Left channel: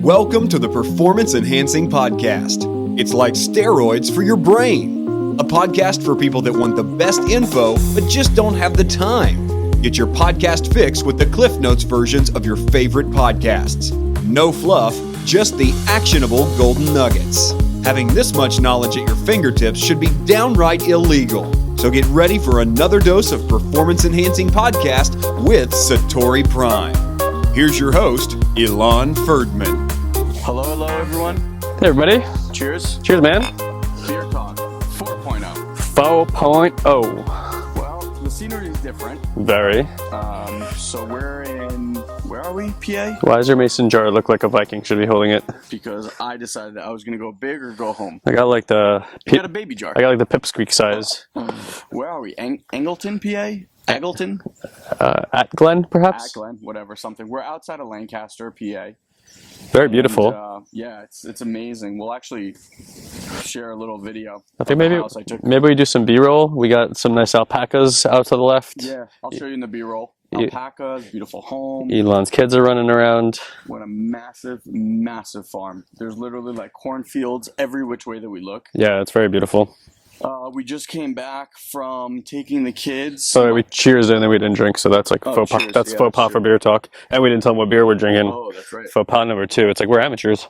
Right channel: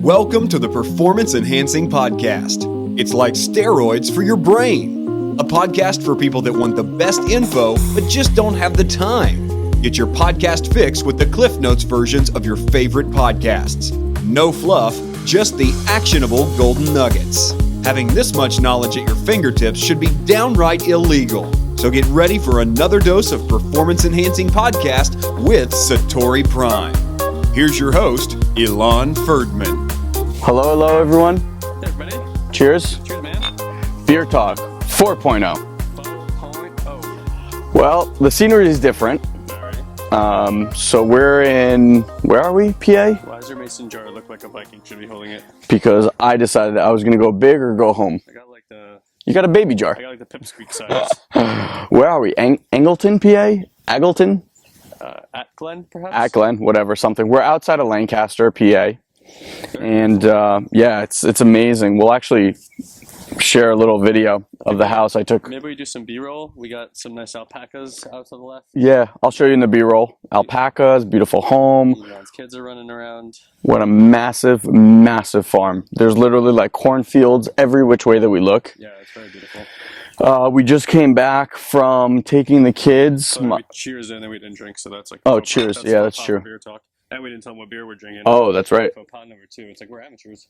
Welcome to the Performance Enhancing Podcast. It's like steroids for your brain. A podcast for people that want the best info, but just don't have the time. Get your podcast fix with the Cliff Notes versions of your favorite podcasts. No fluff, just the actionable golden nuggets. Having this much knowledge at your fingertips should be downright illegal. So get ready for another dose of Performance Enhancing Podcast with SatoriPrime. Here's your host, Ilan Ferdman. Hello everyone. Hey everybody. Cheers. Cheers, man. Beer Talk 4.0. 4.0. Well, the scenery is different. Very. So we're in, where are we, PA? Why does your mason jar look like a Viking should be holding it? Because I decided I was going to go big or go home. I got like the... You got a baby jar. I got like the pipsqueak size. Where are we? Angleton, PA? Aggleton? At Glen, perhaps? At Glen, whatever, something. We're outside of Lancaster, PA. Very beautiful. And, yeah, it's amazing. We'll actually share a little video of the house I took. Maybe we do some B-roll. We got some nice alpacas out to the left. Yeah, I'll show you in the B-roll. Alpacas, beautiful home. Ilan's kids are running around. What a massive, massive farm. There's literally like cornfields every which way that we look. Yeah, it's very beautiful. We just came back from taking the kids. So we cheers and then we didn't drink, so that's like faux pas. Cheers. That's Yeah, faux that's pas for beer talk. And we didn't tell them what beer we're drinking. Oh, that's right. Faux pas number 2. It's like we're amateurs.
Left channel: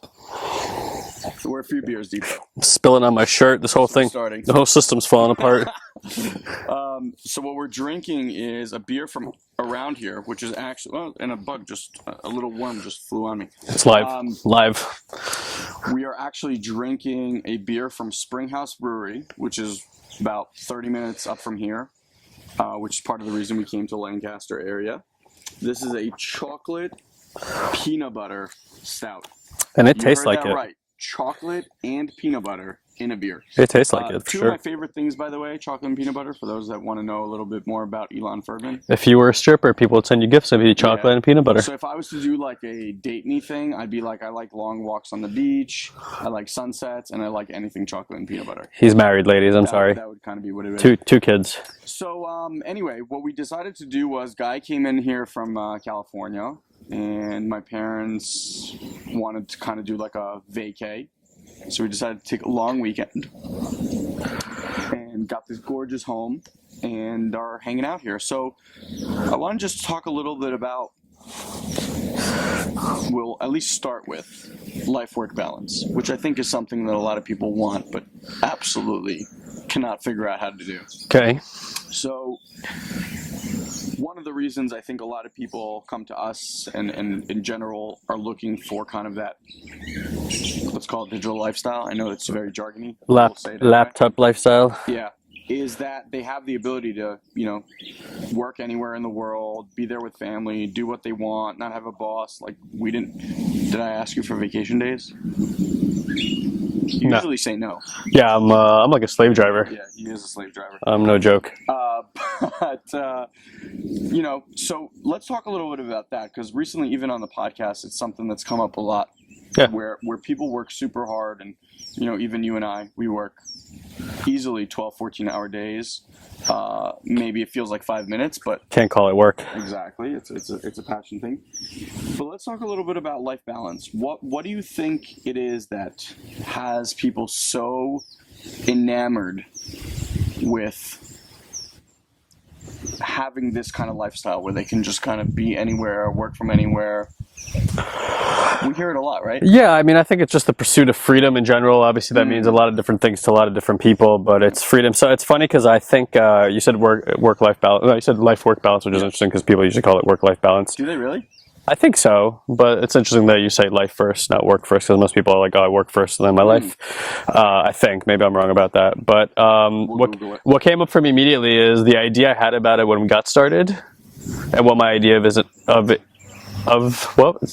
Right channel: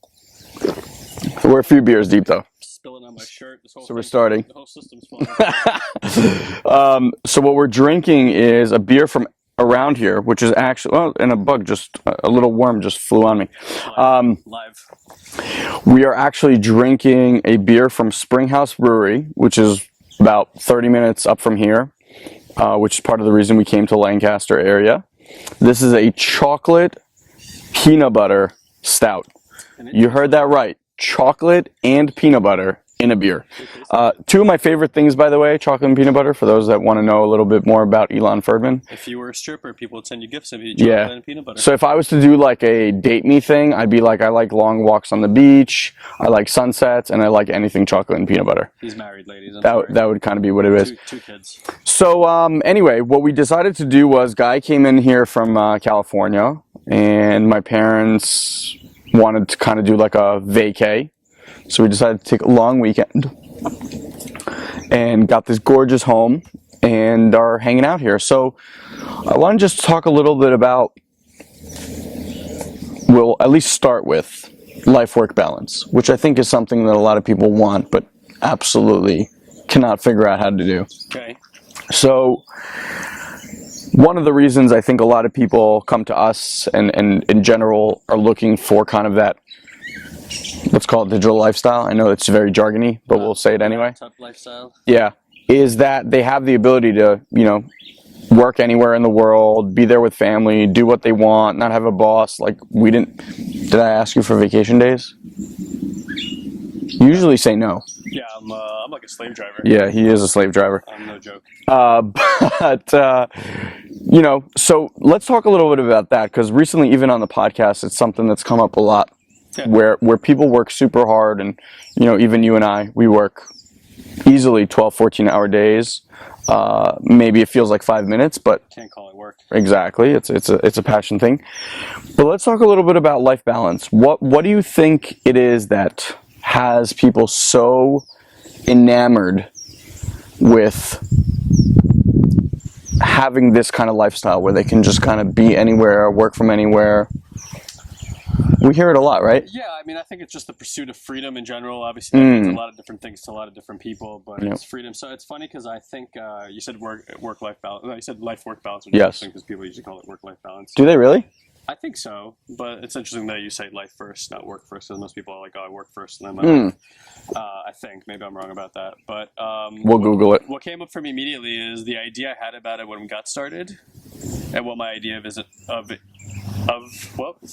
We're a few beers deep though. Spilling on my shirt, this whole thing. Starting. The whole system's falling apart. So what we're drinking is a beer from around here, which is actually, well, and a little worm just flew on me. It's live. Live. We are actually drinking a beer from Springhouse Brewery, which is about 30 minutes up from here, which is part of the reason we came to Lancaster area. This is a chocolate peanut butter stout. And it You tastes heard like that it. right. Chocolate and peanut butter in a beer. It tastes like it. Two of my favorite things, by the way, chocolate and peanut butter, for those that want to know a little bit more about Ilan Ferdman. If you were a stripper, people would send you gifts of chocolate and peanut butter. So if I was to do like a date me thing, I'd be like, I like long walks on the beach, I like sunsets, and I like anything chocolate and peanut butter. He's married, ladies. I'm sorry. That would kind of be what it is. Two kids. So anyway, what we decided to do was, Guy came in here from California, and my parents wanted to kind of do like a vacay. So we decided to take a long weekend and got this gorgeous home and are hanging out here. So I want to just talk a little bit about, we'll at least start with life-work balance, which I think is something that a lot of people want but absolutely cannot figure out how to do. Okay. So one of the reasons I think a lot of people come to us and in general are looking for kind of that, let's call it digital lifestyle. I know it's very jargony, but we'll say it anyway. Laptop lifestyle. Yeah. Is that they have the ability to, work anywhere in the world, be there with family, do what they want, not have a boss. Like did I ask you for vacation days? You usually say no. Yeah, I'm like a slave driver. Yeah, he is a slave driver. I'm no joke. So let's talk a little bit about that, because recently, even on the podcast, it's something that's come up a lot. Yeah. Where people work super hard, and even you and I, we work easily 12, 14-hour days. Maybe it feels like 5 minutes, but Can't call it work. exactly, it's a passion thing. But let's talk a little bit about life balance. What do you think it is that has people so enamored with having this kind of lifestyle where they can just kind of be anywhere, work from anywhere? We hear it a lot, right? Yeah, I mean, I think it's just the pursuit of freedom in general. Obviously, that means a lot of different things to a lot of different people, but it's freedom. So it's funny because I think you said work-life balance. No, you said life-work balance, which is interesting because people usually call it work-life balance. Do they really? I think so, but it's interesting that you say life first, not work first, because most people are like, oh, I work first and then my life. I think. Maybe I'm wrong about that. But we'll Google it. What came up for me immediately is the idea I had about it when we got started, and what my idea of it's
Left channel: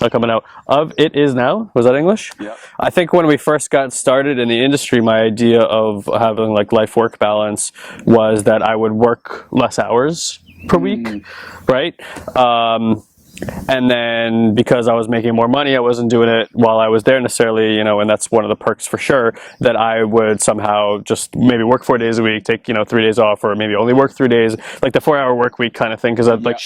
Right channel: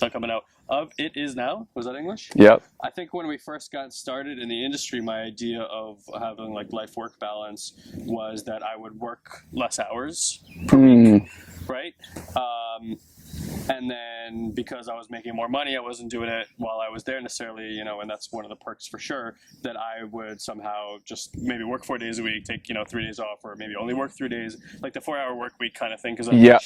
not coming out. Of it is now. Was that English? Yep. I think when we first got started in the industry, my idea of having like life-work balance was that I would work less hours per week, right? And then because I was making more money, I wasn't doing it while I was there necessarily, you know, and that's one of the perks for sure, that I would somehow just maybe work 4 days a week, take, you know, 3 days off, or maybe only work 3 days, like the 4-hour work week kind of thing, because that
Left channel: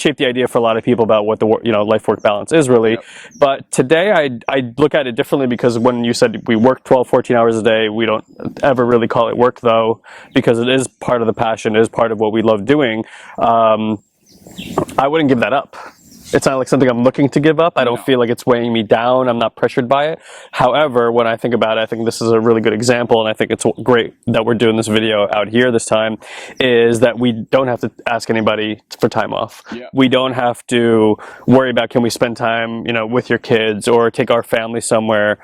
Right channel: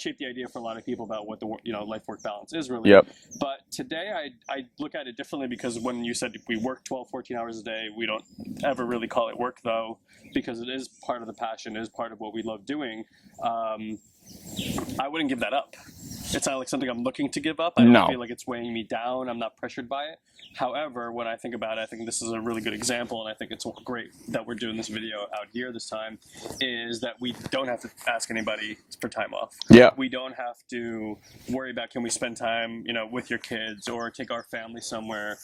shaped the idea for a lot of people about what the, you know, life-work balance is really. But today I look at it differently, because when you said we work 12, 14 hours a day, we don't ever really call it work though, because it is part of the passion, it is part of what we love doing. I wouldn't give that up. It's not like something I'm looking to give up. I don't feel like it's weighing me down. I'm not pressured by it. However, when I think about it, I think this is a really good example, and I think it's great that we're doing this video out here this time, is that we don't have to ask anybody for time off. Yeah. We don't have to worry about, can we spend time, you know, with your kids, or take our family somewhere,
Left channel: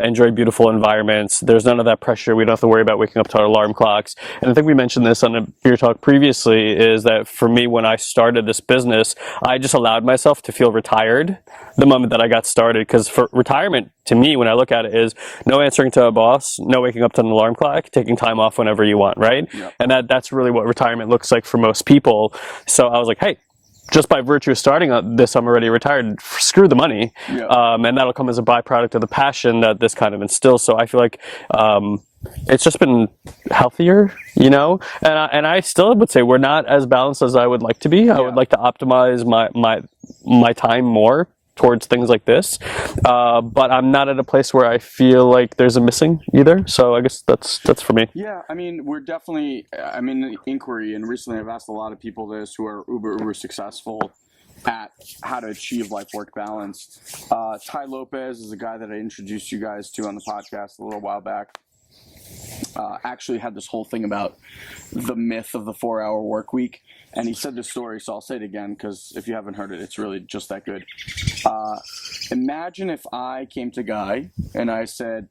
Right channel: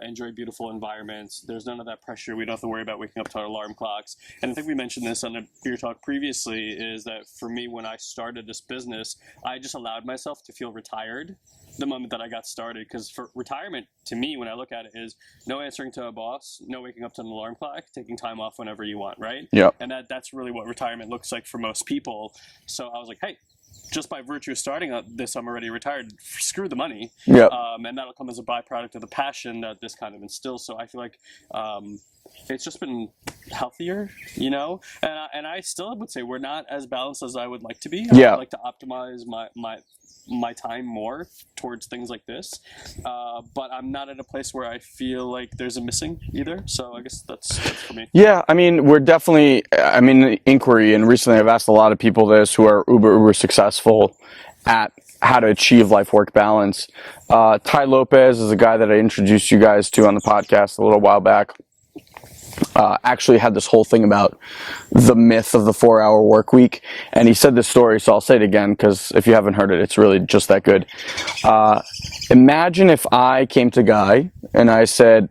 enjoy beautiful environments. There's none of that pressure. We don't have to worry about waking up to our alarm clocks. And I think we mentioned this on a beer talk previously, is that for me, when I started this business, I just allowed myself to feel retired the moment that I got started, because for retirement, to me, when I look at it, is no answering to a boss, no waking up to an alarm clock, taking time off whenever you want, right? Yeah. And that's really what retirement looks like for most people. So I was like, hey, just by virtue of starting this, I'm already retired. Screw the money. Yeah. And that'll come as a byproduct of the passion that this kind of instills. So I feel like it's just been healthier, you know? And I still would say we're not as balanced as I would like to be. I would like to optimize my time more towards things like this. But I'm not at a place where I feel like there's a missing either. So I guess that's for me. Yeah, I mean, we're definitely, inquiry, and recently I've asked a lot of people this who are uber successful at how to achieve life-work balance. Ty Lopez is a guy that I introduced you guys to on the podcast a little while back. Actually had this whole thing about the myth of the 4-hour work week, and he said this story, so I'll say it again, because if you haven't heard it, it's really just that good. Imagine if I came to Guy and I said,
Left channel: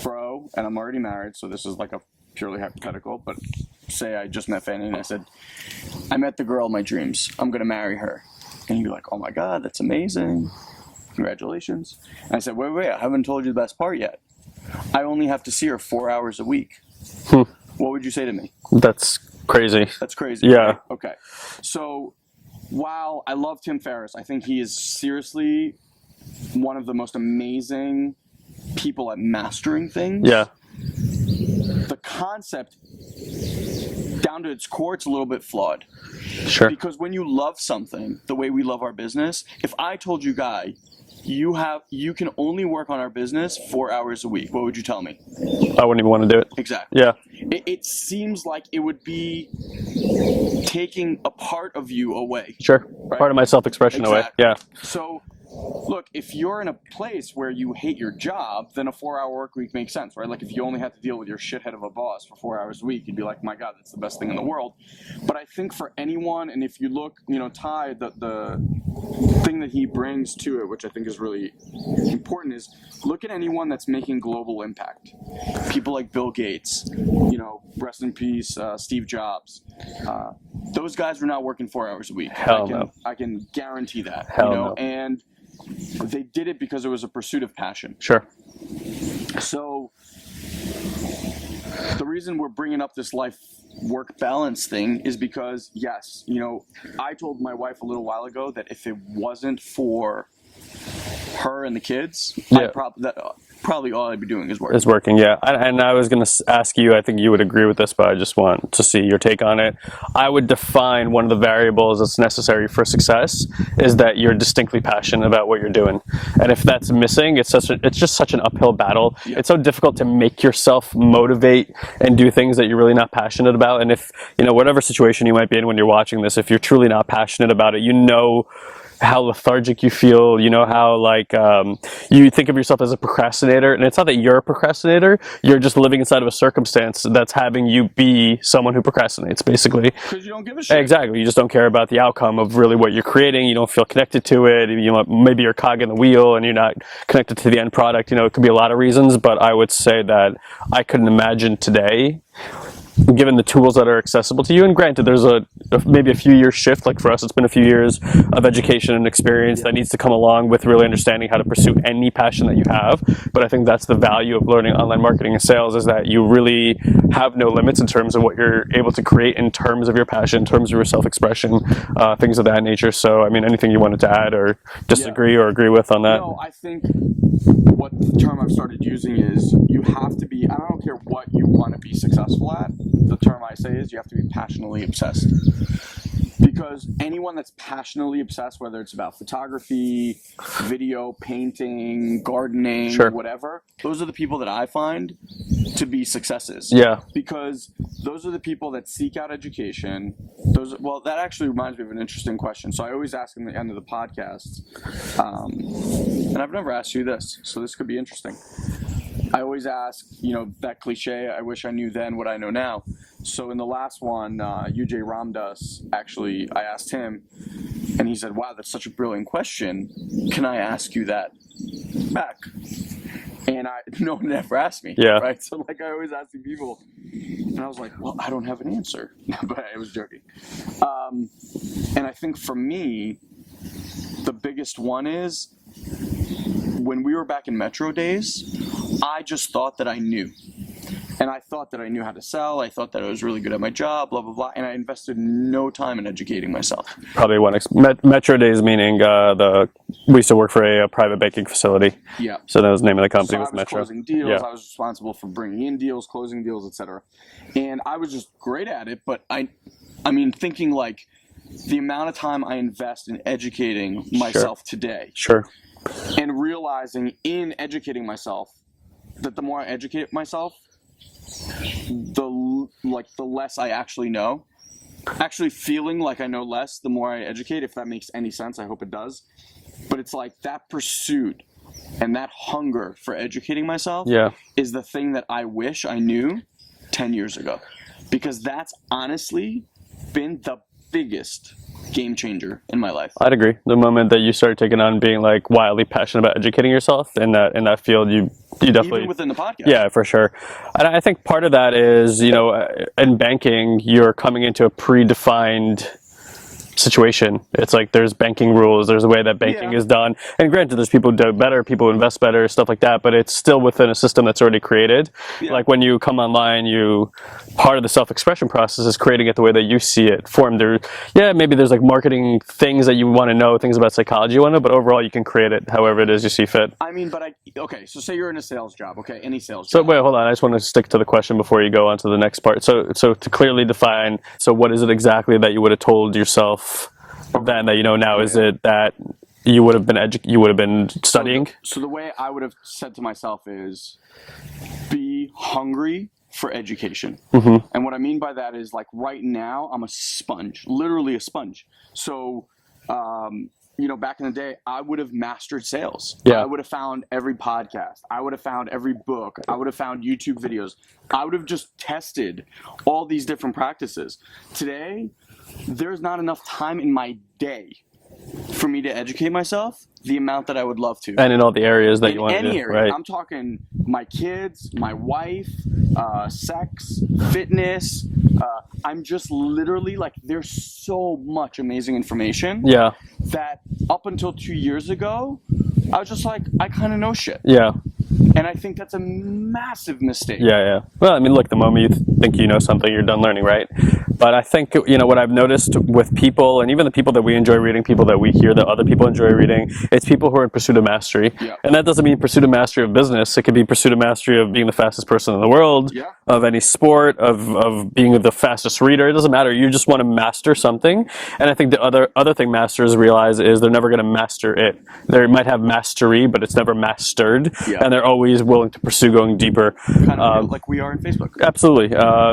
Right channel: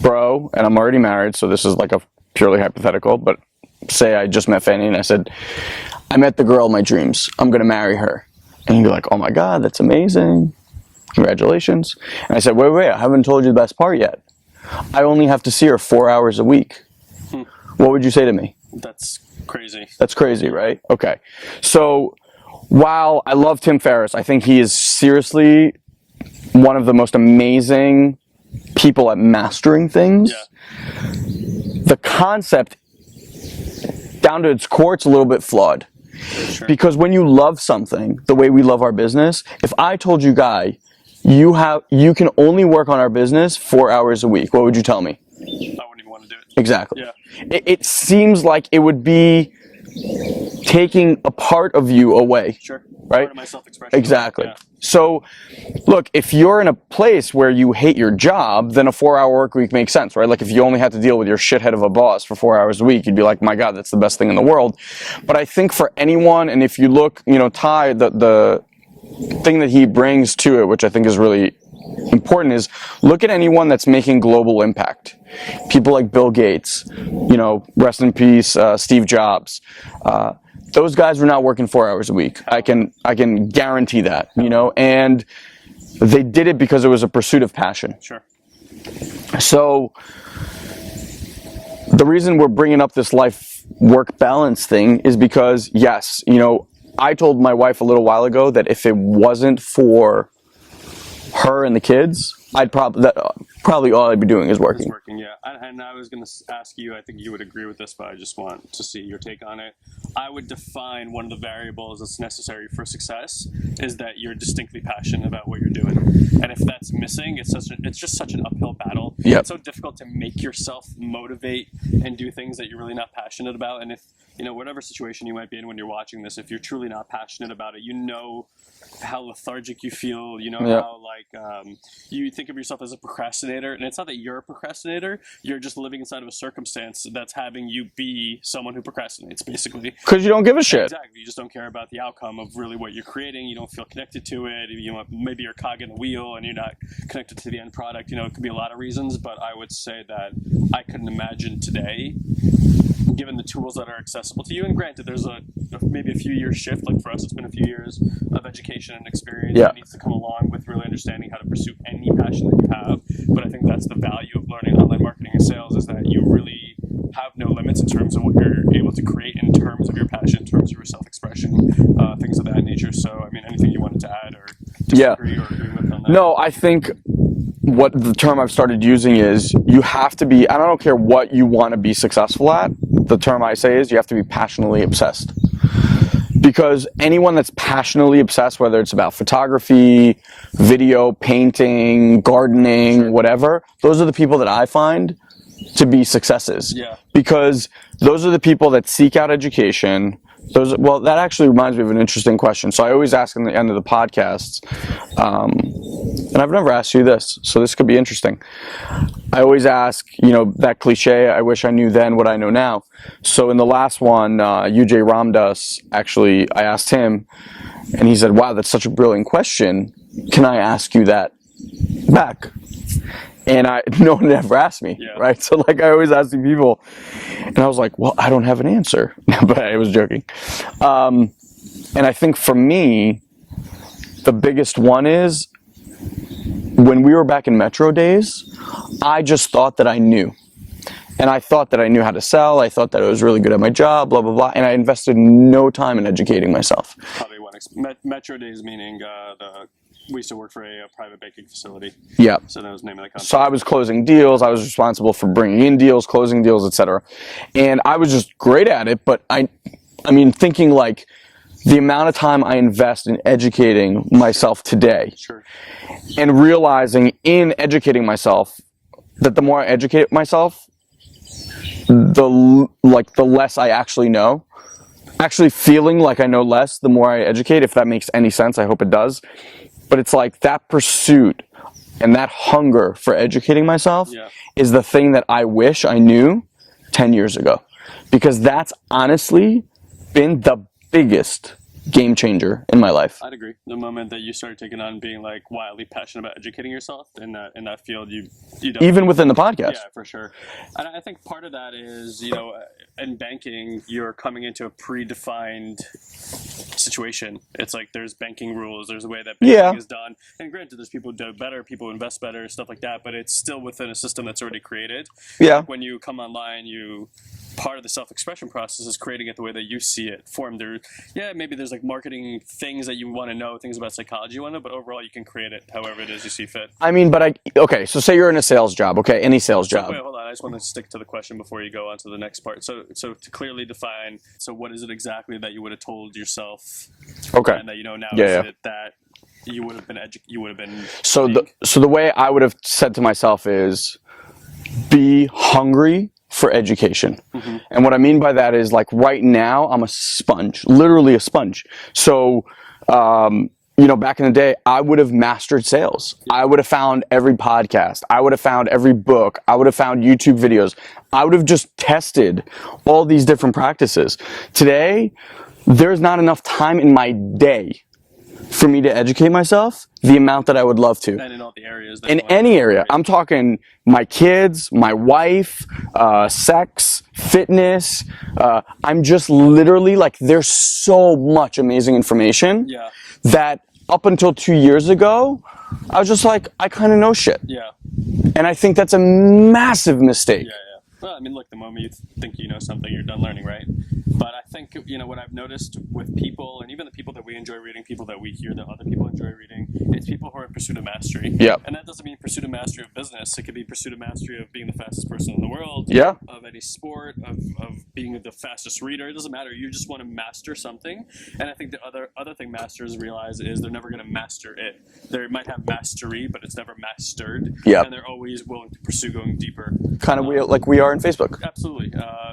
bro, and I'm already married, so this is like a purely hypothetical, but say I just met Fanny and I said, I met the girl of my dreams, I'm gonna marry her. And he'd be like, oh my God, that's amazing, congratulations. And I said, wait, I haven't told you the best part yet. I only have to see her 4 hours a week. What would you say to me? That's crazy. That's crazy, right? Okay. So while I love Tim Ferriss, I think he is seriously one of the most amazing people at mastering things. Yeah. The concept, down to its core, it's a little bit flawed. Sure. Because when you love something the way we love our business, if I told you, Guy, you can only work on our business 4 hours a week, what would you tell me? I wouldn't even want to do it. Exactly. Yeah. It seems like it would be taking a part of you away. Sure. Right? Part of my self-expression. Exactly. Away. Yeah. So, look, if you're in a place where you hate your job, then a 4-hour work week makes sense, right? Like if you only had to deal with your shithead of a boss for 4 hours a week, you'd be like, my God, that's the best thing in the world. But I think for anyone, and if you look, you know, Ty, the thing that he brings to it, which I think is really important, is look at anyone that's making global impact. People like Bill Gates, you know, rest in peace, Steve Jobs. Those guys were not working 4 hours a week. I can guarantee that. You know, and they did it because it was a pursuit of passion. Sure. So the reason we're bringing up this life-work balance thing is because, yes, you know, I told my wife a little while ago that if it wasn't for her and the kids, I'd probably all I'd be doing is working. Is working, yeah. And I was going to ask you, I think you would agree with this, but I just want to see your take on it. I would define one of the variables that's necessary for success is that you're distinctly passionate about what you're doing. And if that's missing, it's just such an uphill battle. Yep. It's so difficult to make yourself motivate and do things that you're really not passionate about. And if, you know, whatever situation you might be in when you're watching this, if you're truly not passionate about it, you know how lethargic you feel, you know, how like you think of yourself as a procrastinator, and it's not that you're a procrastinator, you're just living inside of a circumstance that's having you be someone who procrastinates, basically. Because you don't give a shit. Exactly. You just don't care about the outcome of really what you're creating. You don't feel connected to it. You know, maybe you're a cog in the wheel and you're not connected to the end product. You know, it could be a lot of reasons, but I would say that I couldn't imagine today given the tools that are accessible to you. And granted, there's maybe a few years shift. Like for us, it's been a few years of education and experience that needs to come along with really understanding how to pursue any passion that you have. But I think that's the value of learning online marketing and sales, is that you really have no limits in terms of what you're able to create in terms of your passion, in terms of your self-expression, things of that nature. So, I mean, anything you wanted to add or disagree or agree with on that? No, I think what the term I've started using is you have to be, and I don't care what you want to be successful at, the term I say is you have to be passionately obsessed. Because anyone that's passionately obsessed, whether it's about photography, video, painting, gardening, whatever, those are the people that I find to be successes. Yeah. Because those are the people that seek out education. Well, that actually reminds me of an interesting question. So I always ask in the end of the podcasts, and I've never asked you this, so this could be interesting. I always ask, that cliche, I wish I knew then what I know now. So in the last one, UJ Ramdas, actually, I asked him, and he said, wow, that's such a brilliant question. Can I ask you that back? And no one ever asked me, right? So like I always ask these people, and I was like, well, I don't have an answer, but I was joking. And I think for me, the biggest one is, when we were back in Metro days, I just thought that I knew. And I thought that I knew how to sell. I thought that I was really good at my job, blah, blah, blah. And I invested no time in educating myself. Probably Metro days, meaning we used to work for a private banking facility. Yeah. So that was the name of the company. So I was closing deals. I was responsible for bringing in deals, closing deals, etc. And I was just great at it. But I mean, thinking like the amount of time I invest in educating myself today. And realizing in educating myself that the more I educate myself, the less I actually know. Actually feeling like I know less the more I educate, if that makes any sense. I hope it does. But it's like that pursuit and that hunger for educating myself is the thing that I wish I knew 10 years ago. Because that's honestly been the biggest game changer in my life. I'd agree. The moment that you started taking on being like wildly passionate about educating yourself in that field, you definitely, even within the podcast. Yeah, for sure. And I think part of that is, in banking, you're coming into a predefined situation. It's like there's banking rules, there's a way that banking is done. And granted, there's people who do it better, people who invest better, stuff like that, but it's still within a system that's already created. Like when you come online, part of the self-expression process is creating it the way that you see it formed. Maybe there's like marketing things that you want to know, things about psychology you want to know, but overall you can create it however it is you see fit. I mean, so say you're in a sales job, any sales job. So wait, hold on, I just want to stick to the question before you go on to the next part. So to clearly define, so what is it exactly that you would have told yourself and that you know now? Is it that you would have been studying? So the way I would have said to myself is, be hungry for education. And what I mean by that is, like, right now I'm a sponge, literally a sponge. So back in the day, I would have mastered sales. I would have found every podcast. I would have found every book. I would have found YouTube videos. I would have just tested all these different practices. Today, there's not enough time in my day for me to educate myself the amount that I would love to. And in all the areas that in you want any to, area. right? I'm talking my kids, my wife, sex, fitness. I'm just literally like, there's so much amazing information that up until 2 years ago, I was just like, I kind of know shit. And I think that's a massive mistake. Well, I mean, look, the moment you think you know something, you're done learning, right? But I think, what I've noticed with people, and even the people that we enjoy reading, people that we hear that other people enjoy reading, it's people who are in pursuit of mastery. And that doesn't mean pursuit of mastery of business. It could be pursuit of mastery of being the fastest person in the world, of any sport, of being the fastest reader. It doesn't matter. You just want to master something. And I think the other thing masters realize is they're never going to master it. They might have mastery, but it's never mastered. And they're always willing to pursue going deeper. Kind of like we are in Facebook. Absolutely.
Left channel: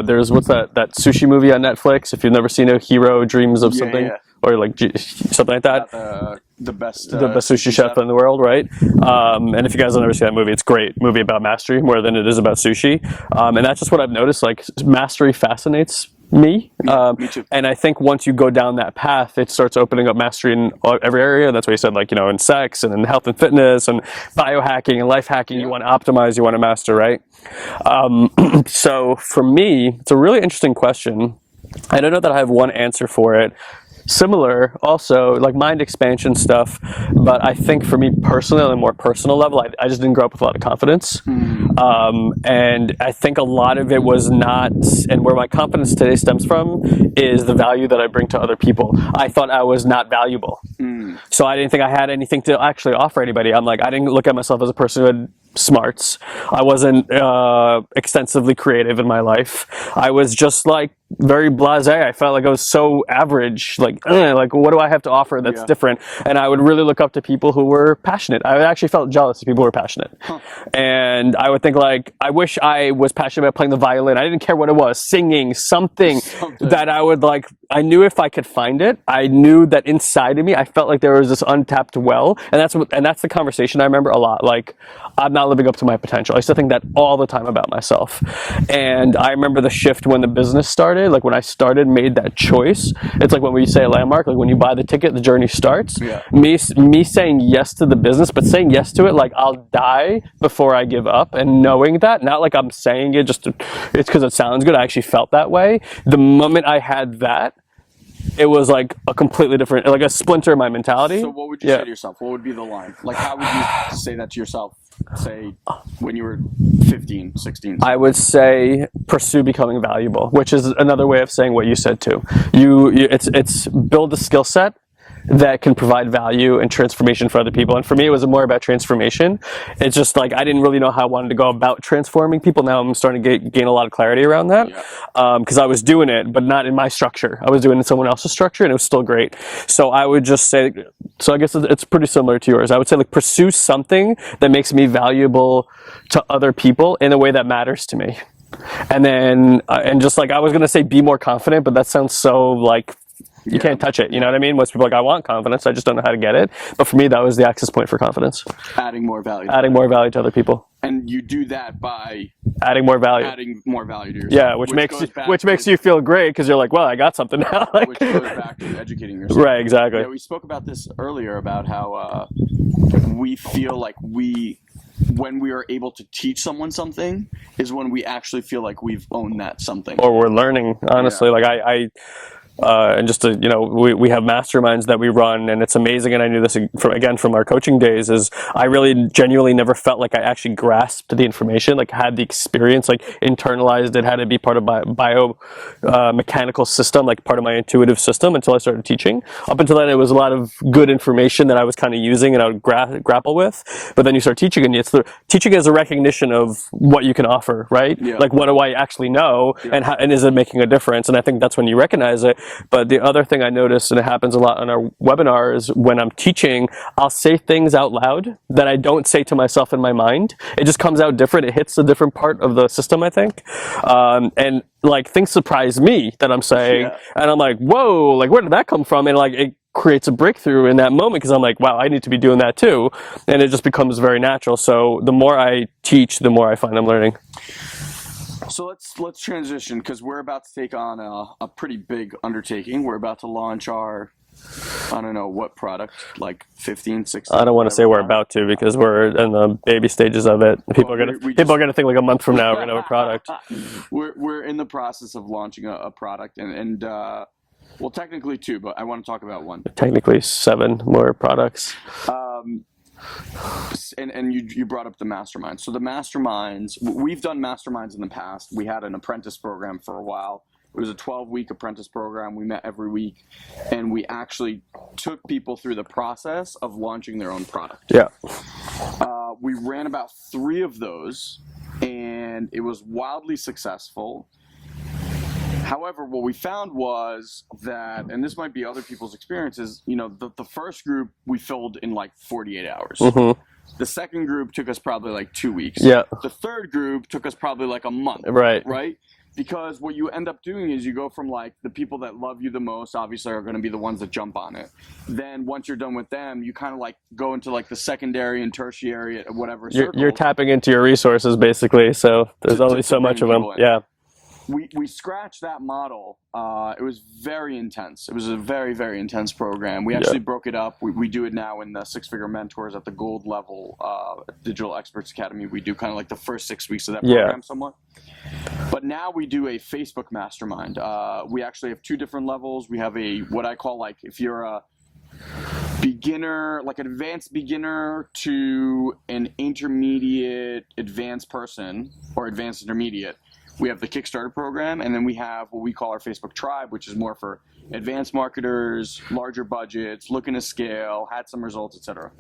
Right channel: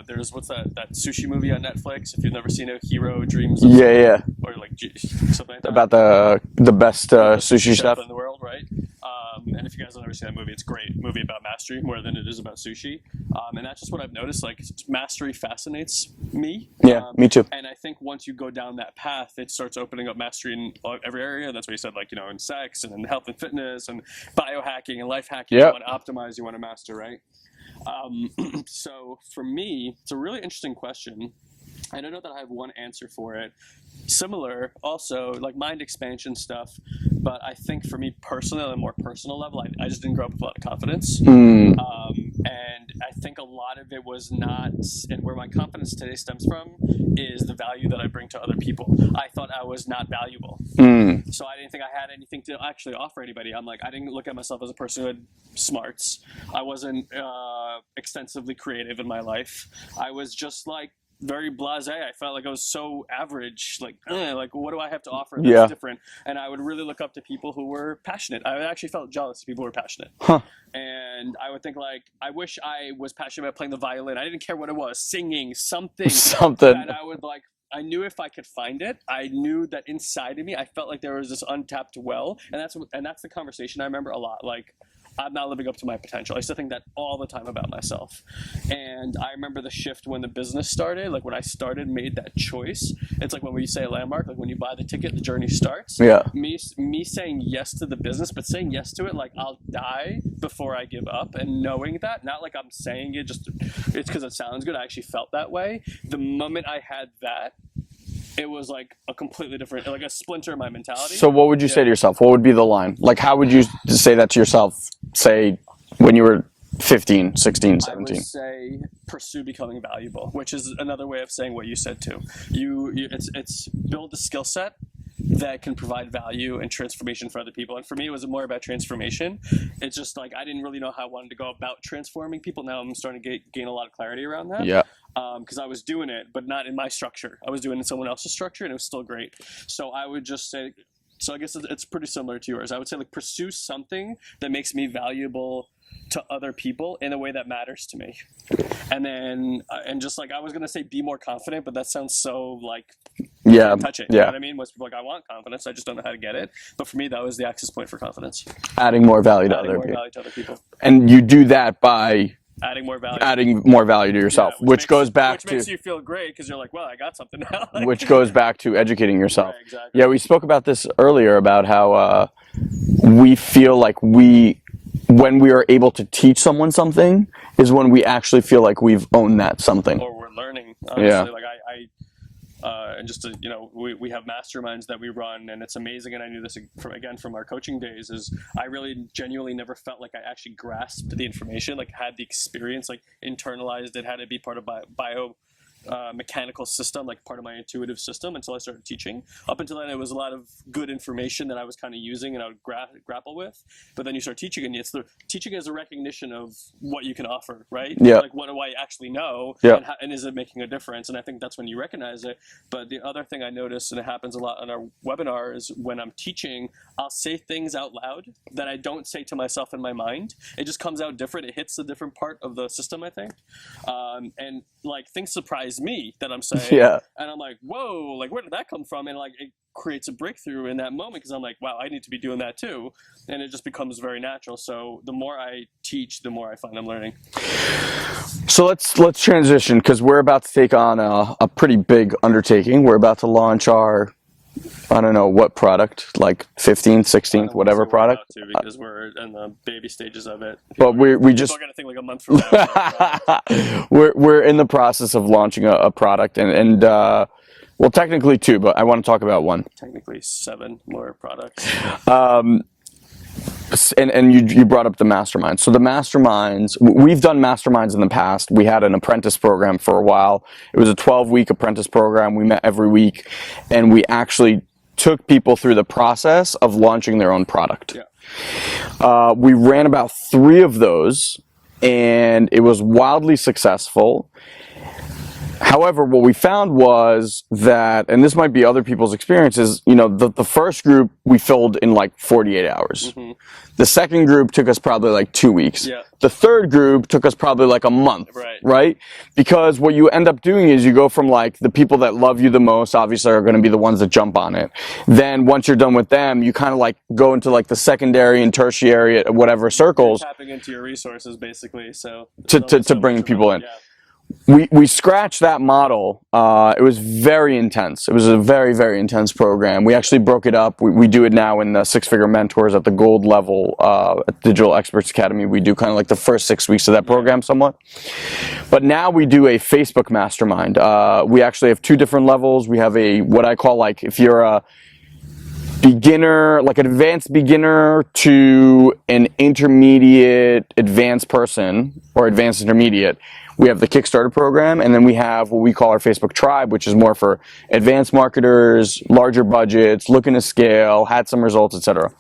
There's what's that sushi movie on Netflix? If you've never seen it, Hero Dreams of something, or like something like that. About the best sushi chef in the world, right? And if you guys have never seen that movie, it's a great movie about mastery more than it is about sushi. And that's just what I've noticed. Like, mastery fascinates me. Me too. And I think once you go down that path, it starts opening up mastery in every area. That's what you said, like, in sex and in health and fitness and biohacking and life hacking. You want to optimize, you want to master, right? So for me, it's a really interesting question. I don't know that I have one answer for it. Similar, also, like mind expansion stuff, but I think for me personally, on a more personal level, I just didn't grow up with a lot of confidence. And I think a lot of it was not, and where my confidence today stems from, is the value that I bring to other people. I thought I was not valuable. So I didn't think I had anything to actually offer anybody. I'm like, I didn't look at myself as a person who had smarts. I wasn't extensively creative in my life. I was just like very blasé. I felt like I was so average. Like what do I have to offer that's different? And I would really look up to people who were passionate. I actually felt jealous of people who were passionate. And I would think like, I wish I was passionate about playing the violin. I didn't care what it was, singing, something that I would like. I knew if I could find it, I knew that inside of me, I felt like there was this untapped well. And that's the conversation I remember a lot. Like, I'm not living up to my potential. I used to think that all the time about myself. And I remember the shift when the business started, like when I made that choice. It's like when we say a landmark, like when you buy the ticket, the journey starts. Me saying yes to the business, but saying yes to it, like I'll die before I give up, and knowing that, not like I'm saying it it's because it sounds good. I actually felt that way. The moment I had that, it was like a completely different, like a splinter in my mentality. So what would you say to yourself? What would be the line? Like, how would you say that to yourself, say, when you were 15, 16, 17? I would say pursue becoming valuable, which is another way of saying what you said too. It's build a skill set that can provide value and transformation for other people. And for me, it was more about transformation. It's just like, I didn't really know how I wanted to go about transforming people. Now I'm starting to gain a lot of clarity around that. Because I was doing it, but not in my structure. I was doing it in someone else's structure, and it was still great. So I would just say, so I guess it's pretty similar to yours. I would say like pursue something that makes me valuable to other people in a way that matters to me. And then, and just like, I was going to say be more confident, but that sounds so like, you can't touch it. You know what I mean? Most people are like, I want confidence. I just don't know how to get it. But for me, that was the access point for confidence. Adding more value to other people. And you do that by adding more value to yourself. Yeah, which makes you feel great because you're like, well, I got something now. Like, which goes back to educating yourself. Right, exactly. Yeah, we spoke about this earlier about how we feel like when we are able to teach someone something is when we actually feel like we've owned that something. Or we're learning, honestly. Like and just to, we have masterminds that we run, and it's amazing. And I knew this from our coaching days, is I really genuinely never felt like I actually grasped the information, like had the experience, like internalized it, had it be part of my mechanical system, like part of my intuitive system, until I started teaching. Up until then, it was a lot of good information that I was kind of using and I would grapple with. But then you start teaching, and teaching is a recognition of what you can offer, right? Like, what do I actually know, and is it making a difference? And I think that's when you recognize it. But the other thing I noticed, and it happens a lot on our webinars, when I'm teaching, I'll say things out loud that I don't say to myself in my mind. It just comes out different. It hits a different part of the system, I think. And like, things surprise me that I'm saying. And I'm like, whoa, like, where did that come from? And like, it creates a breakthrough in that moment, because I'm like, wow, I need to be doing that too. And it just becomes very natural. So the more I teach, the more I find I'm learning. So let's transition, because we're about to take on a pretty big undertaking. We're about to launch our, I don't know what product, like 15, 16, I don't want to say product. we're about to, because we're in the baby stages of it. People are going to think like a month from now we know a product. We're in the process of launching a product, and well, technically 2, but I want to talk about 1. Technically 7 more products. And you brought up the masterminds. So the masterminds, we've done masterminds in the past. We had an apprentice program for a while. It was a 12-week apprentice program. We met every week, and we actually took people through the process of launching their own product. We ran about 3 of those, and it was wildly successful. However, what we found was that, and this might be other people's experiences, the first group we filled in like 48 hours. The second group took us probably like 2 weeks. The third group took us probably like a month. Right? Because what you end up doing is you go from like the people that love you the most, obviously, are going to be the ones that jump on it. Then once you're done with them, you kind of like go into like the secondary and tertiary, whatever circles. You're tapping into your resources, basically. So there's only so bring much of people them. in. we scratched that model. It was very intense. It was a very, very intense program. We actually broke it up. We do it now in the six-figure mentors at the gold level at Digital Experts Academy. We do kind of like the first 6 weeks of that program somewhat. But now we do a Facebook mastermind. We actually have 2 different levels. We have a, what I call, like, if you're a beginner, like an advanced beginner to an intermediate advanced person, or advanced intermediate, we have the Kickstarter program, and then we have what we call our Facebook tribe, which is more for advanced marketers, larger budgets, looking to scale, had some results, etc.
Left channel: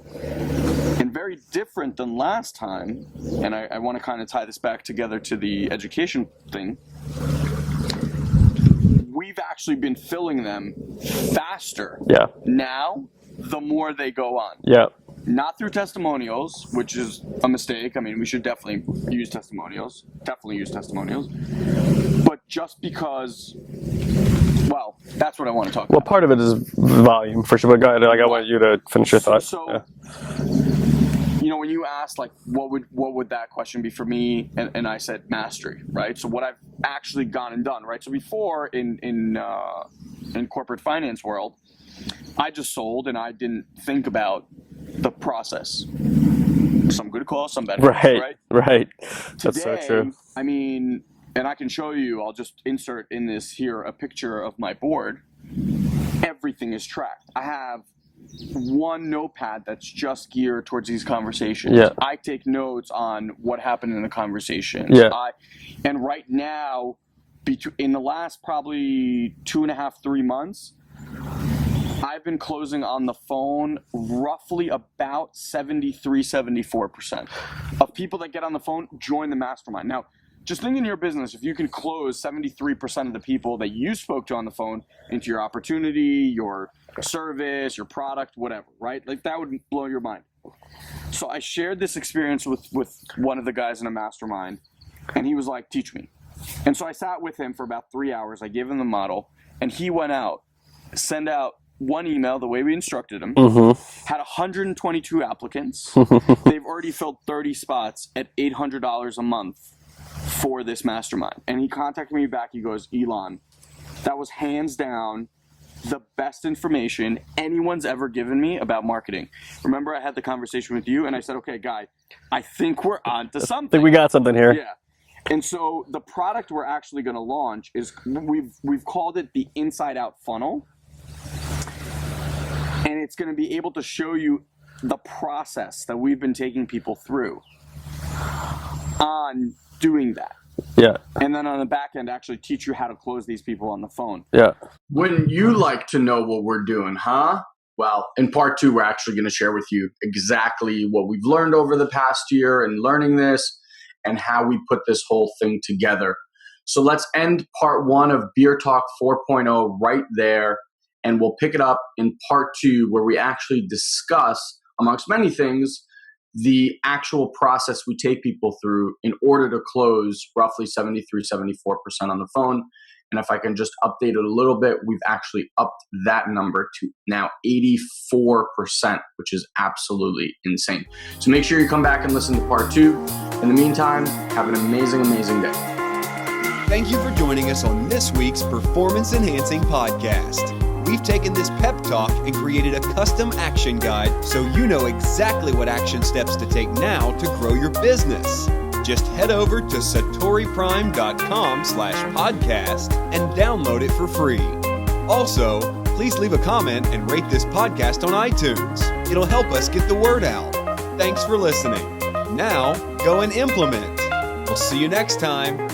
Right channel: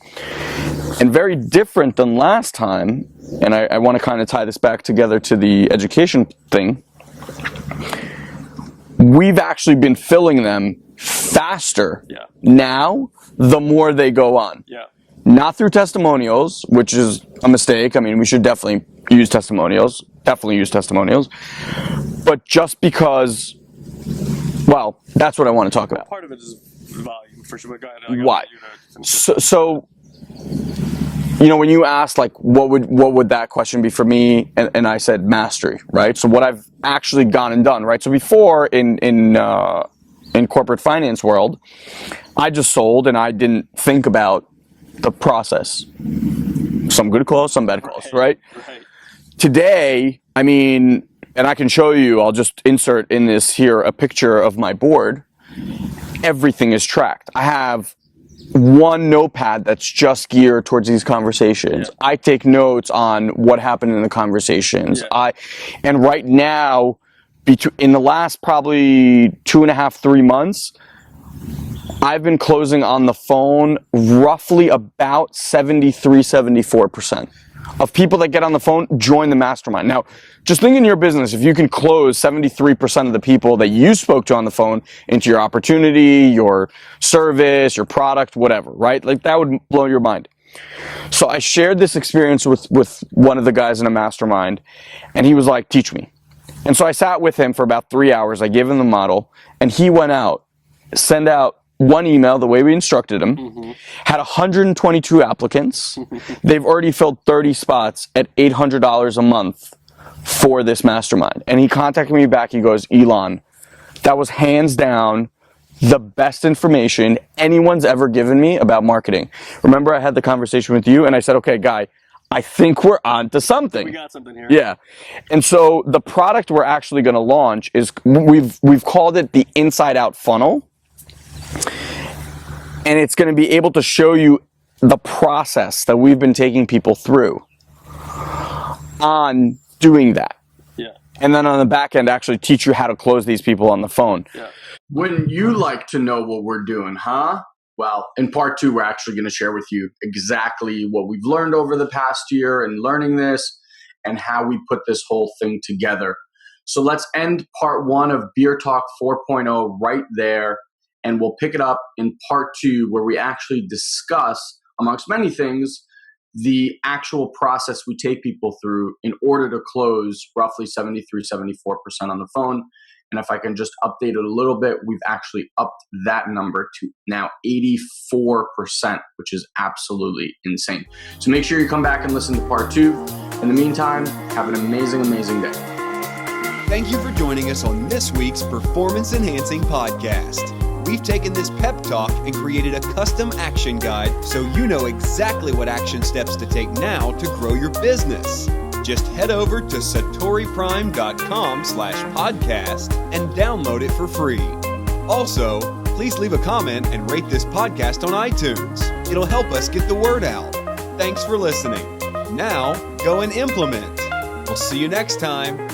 And very different than last time, and I want to kind of tie this back together to the education thing, we've actually been filling them faster now the more they go on. Not through testimonials, which is a mistake. I mean, we should definitely use testimonials. But just because, well, that's what I want to talk about. Well, part of it is volume, for sure. But go ahead. I want you to finish your thought. So you know, when you asked, like, what would that question be for me, and I said mastery, right? So what I've actually gone and done, right? So before in corporate finance world, I just sold and I didn't think about the process. Some good calls, some bad calls, right? Today, so I mean, and I can show you, I'll just insert in this here a picture of my board. Everything is tracked. I have one notepad that's just geared towards these conversations. I take notes on what happened in the conversations. And right now, in the last probably 2.5, 3 months, I've been closing on the phone roughly about 74% of people that get on the phone join the mastermind. Now, just think in your business, if you can close 73% of the people that you spoke to on the phone into your opportunity, your service, your product, whatever, right? Like, that would blow your mind. So I shared this experience with one of the guys in a mastermind, and he was like, teach me. And so I sat with him for about 3 hours. I gave him the model, and he went out, sent out one email the way we instructed him, had 122 applicants. They've already filled 30 spots at $800 a month for this mastermind. And he contacted me back. He goes, Ilan, that was hands down the best information anyone's ever given me about marketing. Remember, I had the conversation with you, and I said, okay, Guy, I think we're on to something. We got something here. Yeah. And so the product we're actually going to launch is, we've called it the Inside Out Funnel. And it's going to be able to show you the process that we've been taking people through on doing that. And then on the back end, actually teach you how to close these people on the phone. Wouldn't you like to know what we're doing, huh? Well, in part 2, we're actually going to share with you exactly what we've learned over the past year in learning this and how we put this whole thing together. So let's end part 1 of Beer Talk 4.0 right there. And we'll pick it up in part 2, where we actually discuss, amongst many things, the actual process we take people through in order to close roughly 73-74% on the phone. And if I can just update it a little bit, we've actually upped that number to now 84%, which is absolutely insane. So make sure you come back and listen to part 2. In the meantime, have an amazing, amazing day. Thank you for joining us on this week's Performance Enhancing Podcast. We've taken this pep talk and created a custom action guide so you know exactly what action steps to take now to grow your business. Just head over to SatoriPrime.com/podcast and download it for free. Also, please leave a comment and rate this podcast on iTunes. It'll help us get the word out. Thanks for listening. Now, go and implement. We'll see you next time.